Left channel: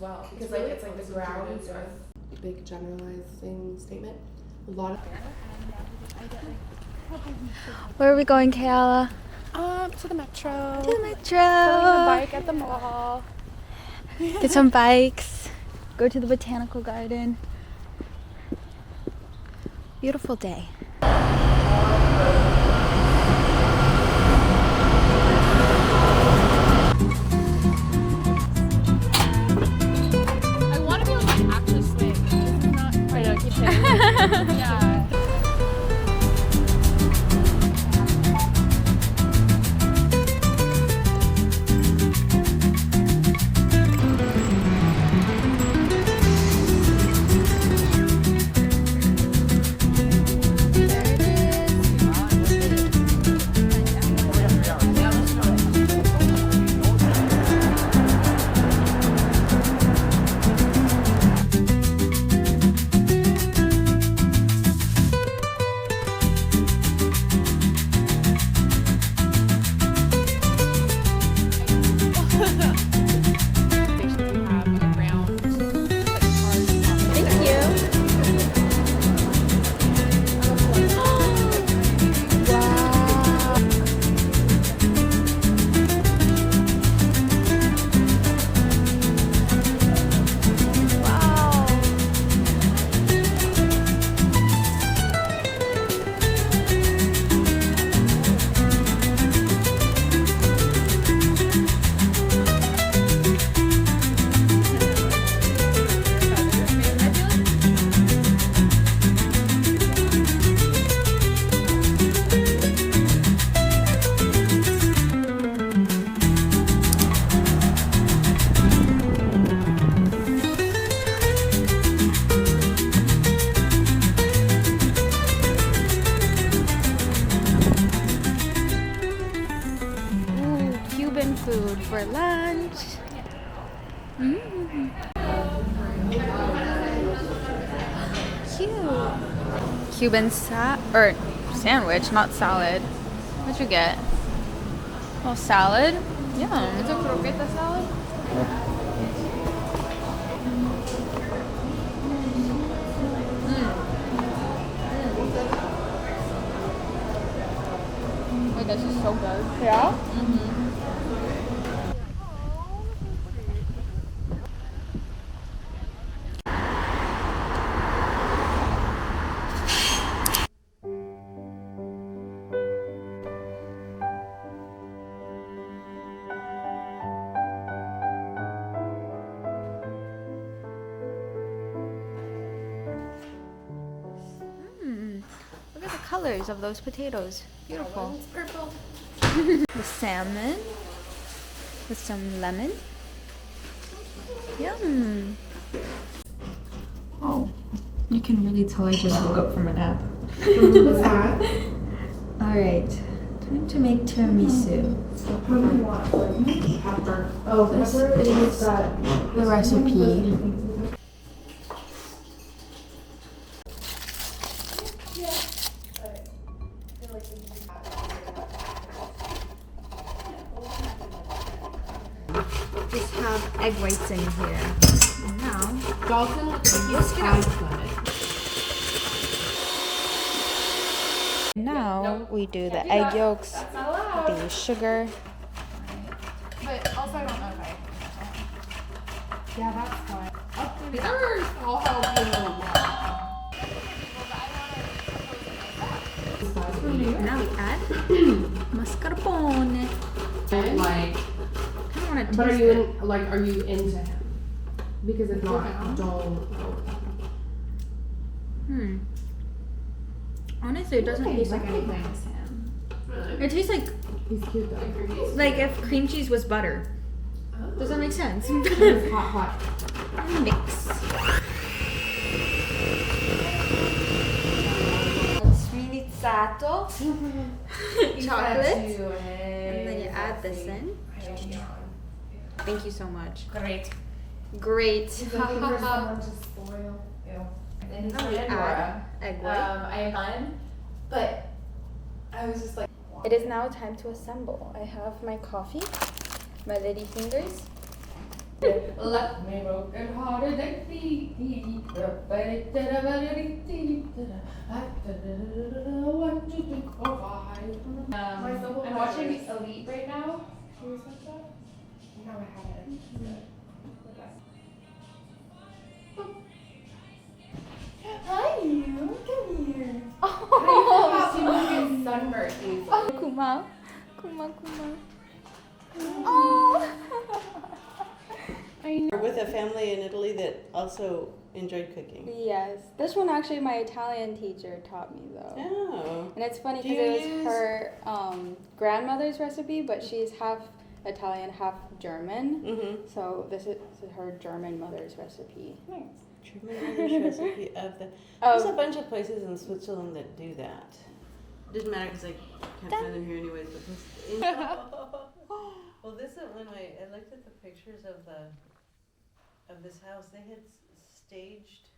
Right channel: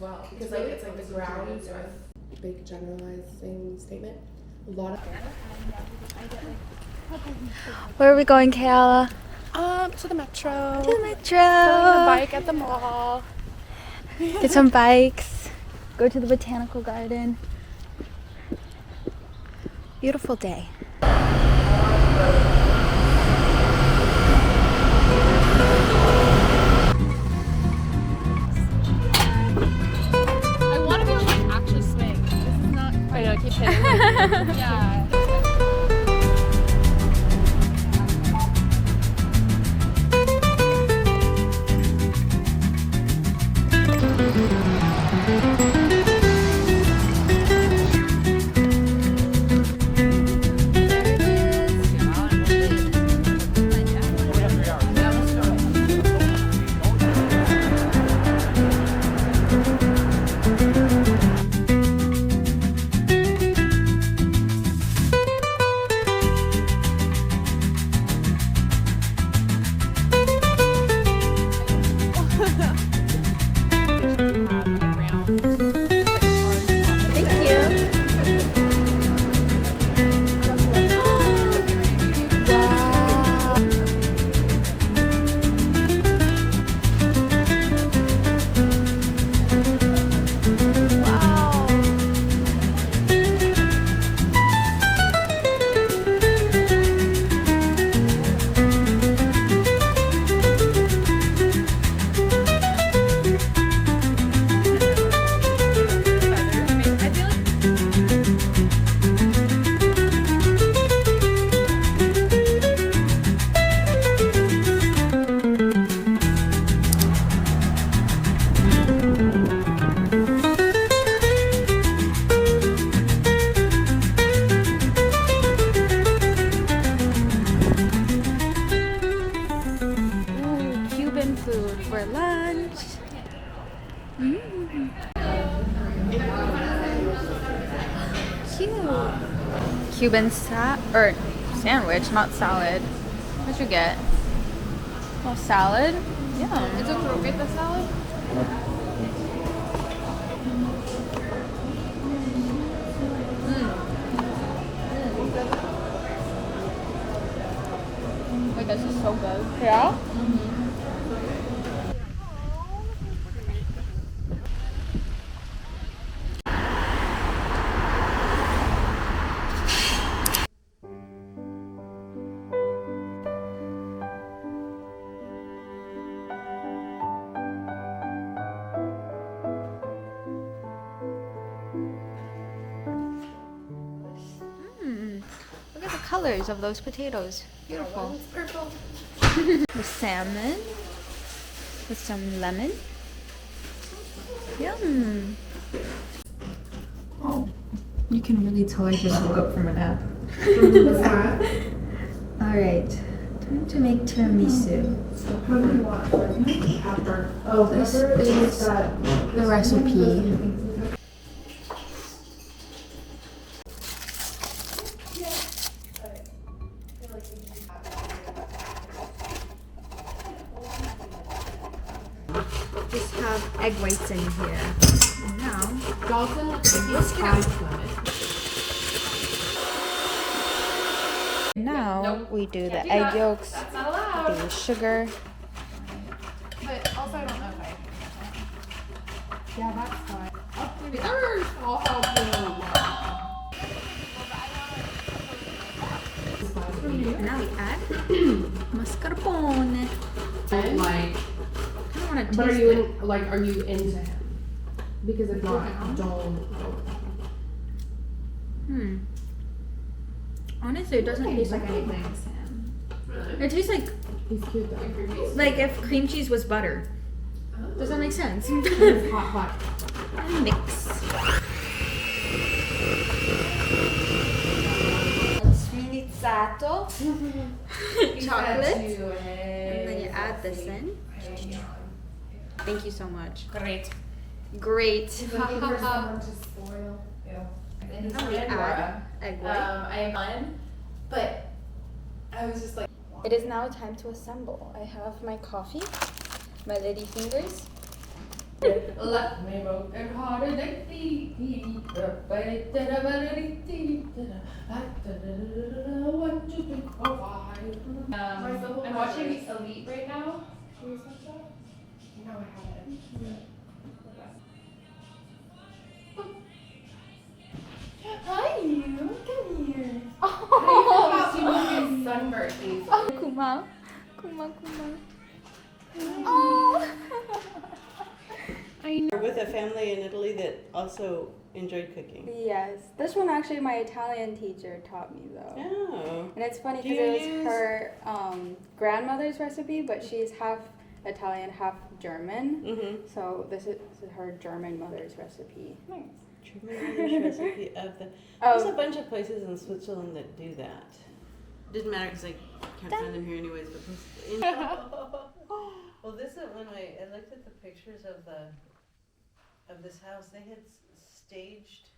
well. Because really it's like the ground or big generalizing statement. A lot of Where are we going, Kayla? to the metro. To the metro. Go bike at the mall. Get some bikes. Go to the botanical garden. Beautiful day. I want to be able to like, actually swing. This is not quite a kitchen. Yeah. Food for lunch. Cute. Cuban sandwich, not salad. What'd you get? A little salad. Yeah. It's a croqueta salad. Wait, this is so good. Yeah? Look at the colors of those potatoes. Beautiful. Purple. The salmon with some lemon. Yum. Oh, you can really tell I just woke up from a nap. All right, time to make tiramisu. This is the recipe. Just have egg whites in here. And now, whisk it up. Now we do the egg yolks, the sugar. But also I don't know if I... Yeah, that's fine. I'll help you. And now we add mascarpone. Like, I don't want to but taste are you it. are you into him? Because if not, don't. Honestly, it doesn't taste like anything. It tastes like He's cute though. if cream cheese was butter. Does that make sense? It's hot. And mix. Sminizzato chocolate, and then you add this in. Thank you so much. Great. And then we add egg white. I am fun, but I was just like. It is now time to assemble. I have my coffee, my lady fingers, Left me broken hearted and beat. One, two, three, four, five. I'm watching Elite right now. Can you see that? No, I haven't. Hi, you. Come here. How do you feel sunburned? Kuma. Oh. With a family in Italy that also enjoyed cooking. Yes, this one actually my Italian teacher taught me though. Oh. And it's funny because it was her grandmother's recipe, but she's half Italian, half German. Mm-hmm. So this is her German mother's recipe. German mother's recipe of the. There's a bunch of places in Switzerland that do that. Didn't matter because I can't find them here anyways. Well, this is when I looked at the pictures of this house. They had staged.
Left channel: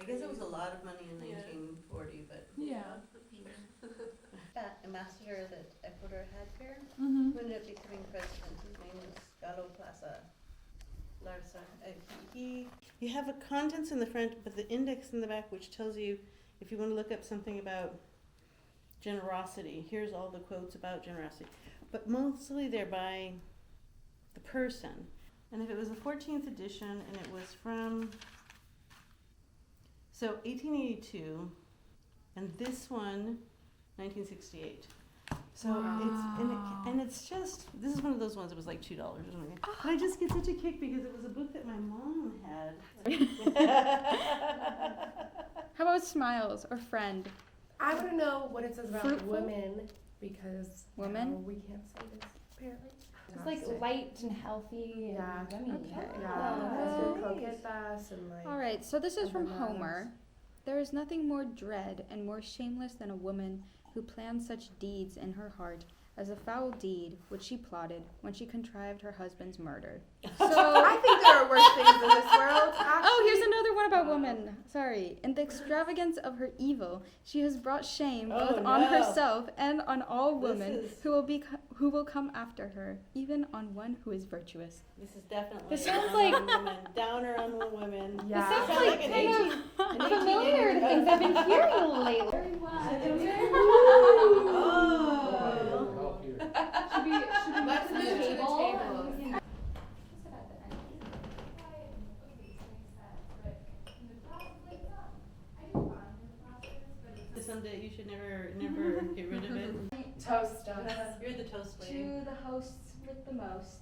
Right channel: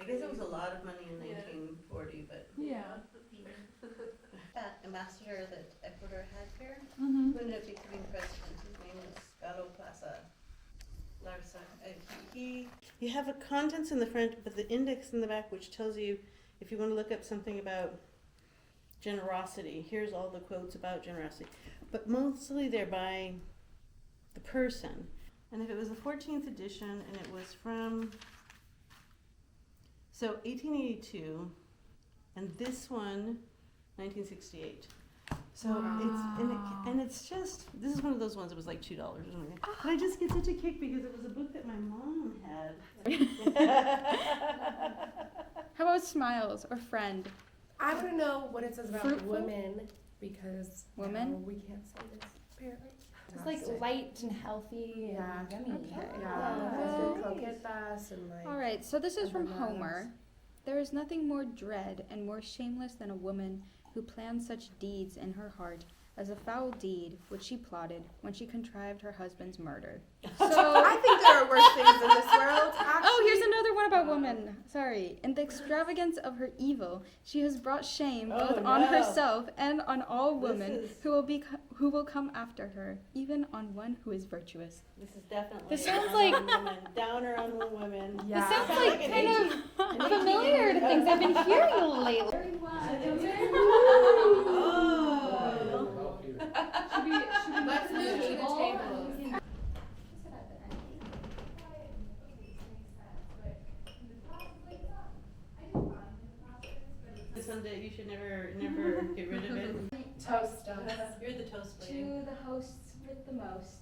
I guess it was a lot of money in 1940, but Yeah. that ambassador that Ecuador had here Mm-hmm. who ended up becoming president. His name was Galo Plaza Larsa. You have a contents in the front, but the index in the back, which tells you if you want to look up something about generosity. Here's all the quotes about generosity, but mostly they're by the person. And if it was the 14th edition, and it was from 1882, and this one 1968. So it's just, this is one of those ones that was like $2 or something. But I just get such a kick because it was a book that my mom had. How about smiles or friend? I want to know what it says about Fruitful? women because Women? we can't say this. Parents. It's like light and healthy. Yeah. And yummy. Okay. Yeah. All right, so this is from Bananas. Homer. There is nothing more dread and more shameless than a woman who plans such deeds in her heart as a foul deed which she plotted when she contrived her husband's murder. So, I think there are worse things in this world. oh, here's another one about woman. Sorry. In the extravagance of her evil, she has brought shame both on herself and on all women who will come after her, even on one who is virtuous. This is definitely This sounds on women. Downer on women. Yeah. This sounds Sounds like an familiar to things I've been hearing lately. Let's move to the table. It's something that you should never get rid of it. Toast us. You're the toast lady. To the hosts with the most.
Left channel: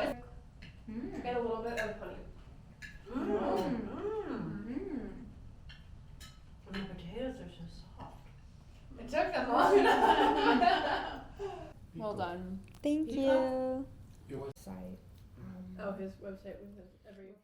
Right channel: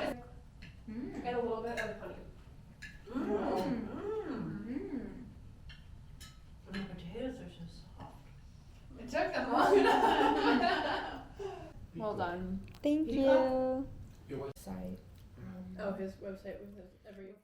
Get a little bit of honey. And the potatoes are so soft. It took them long enough. Well done. Thank you. Sorry. Oh, his website was every.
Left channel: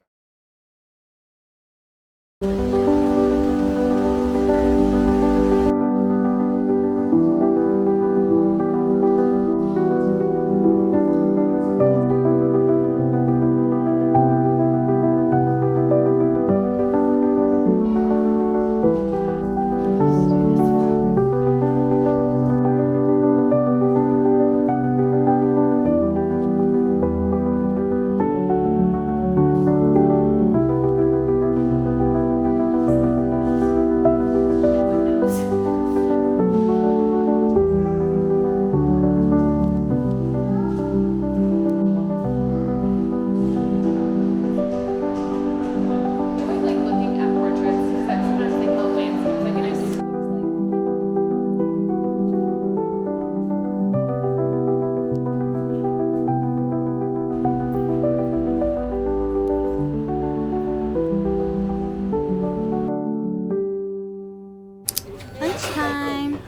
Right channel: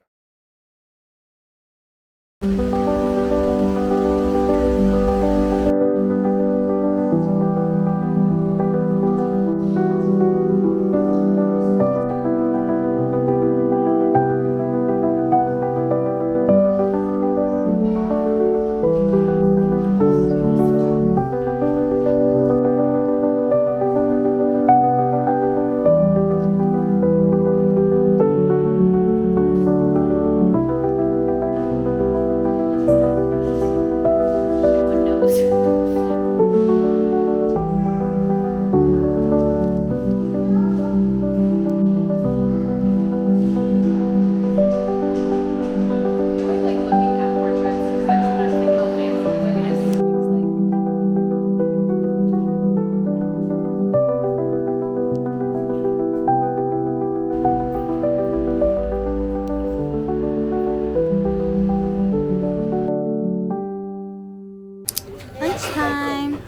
Lunchtime.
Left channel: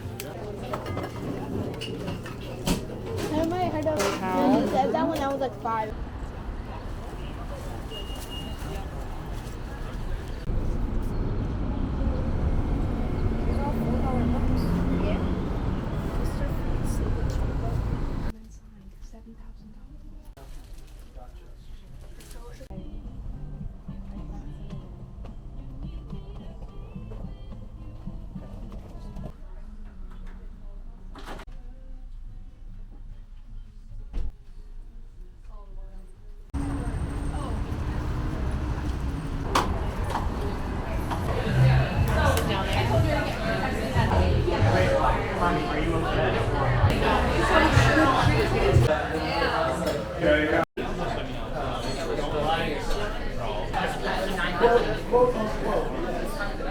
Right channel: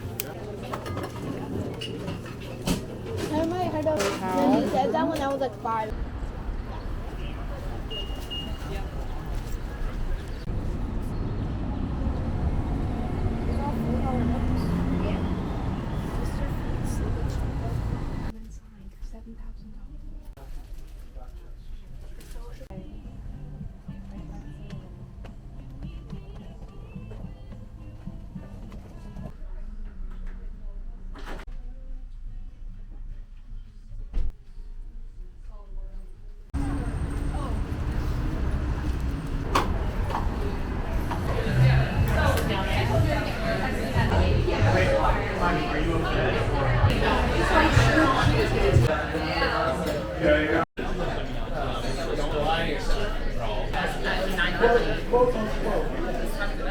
I might have heard of when you said that when I was like 5.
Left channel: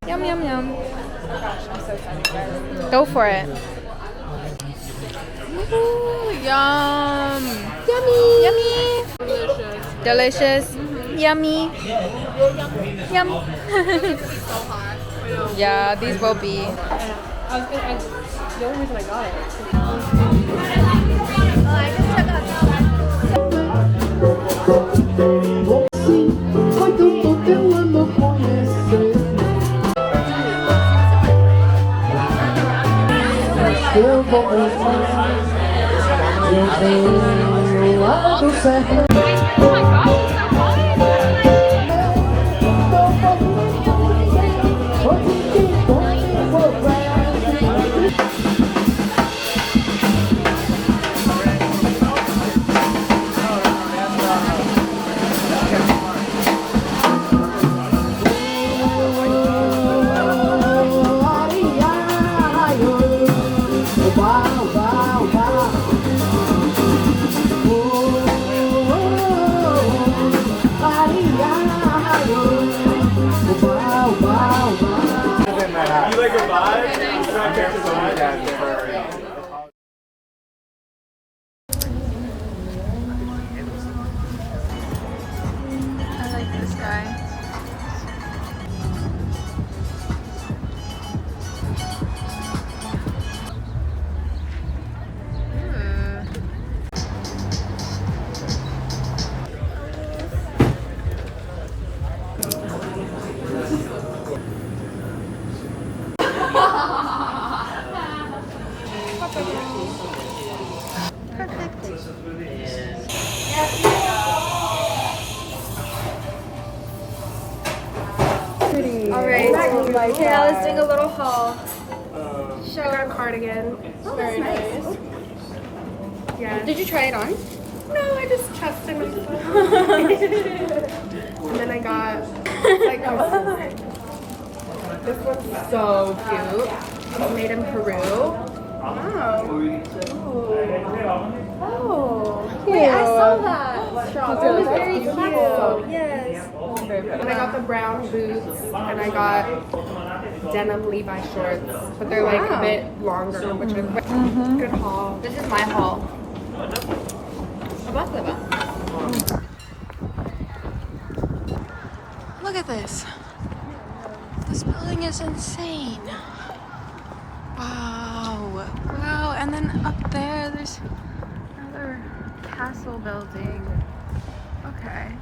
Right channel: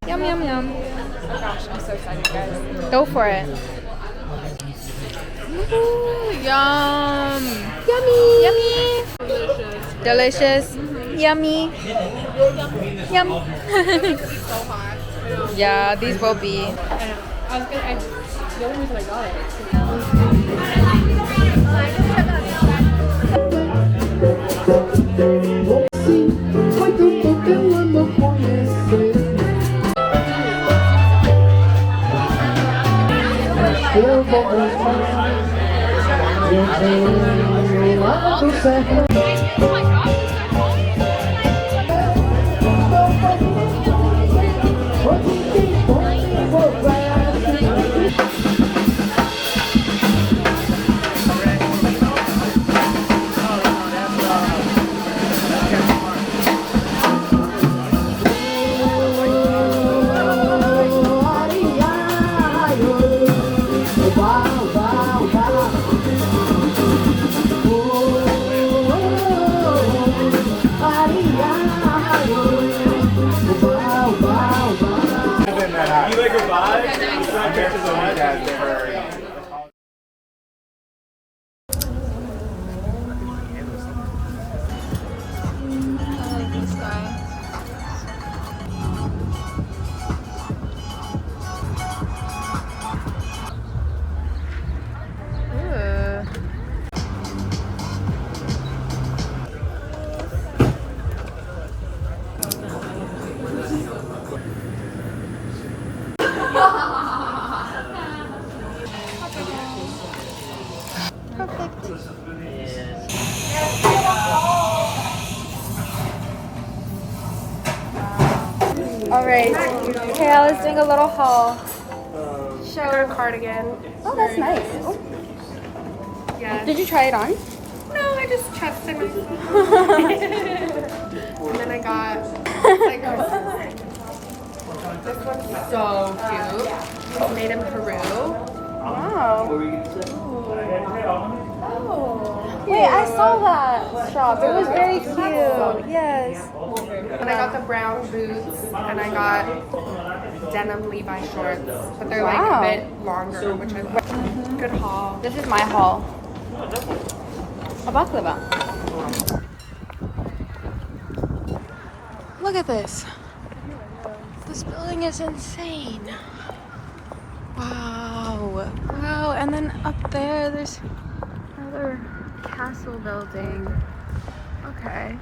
Yum, yum, yum. Gosh, I'm so excited, guys. Go for it. Ooh, yum. Yummy. Yummy. Delicious. Yummy. Yum. Yeah, these will be. The only reason I got it. I like this guy. Ooh. Alright, okay, let's doing a little haul. I got a cardigan. Oh, that's nice. Oh. Yeah. Did you try it on? No, I just trusted myself. And then I got like this one's so cute. It's made in Peru. Wow. Wait, I saw that shop. It was very cute. Yes. And I got the brown boots and I got denim Levi shorts, but they're like a bit longer, which I love. Good haul. This is my haul. Look at this. This building is insane. Wow. Wow. And then up there, there's another castle building. Okay.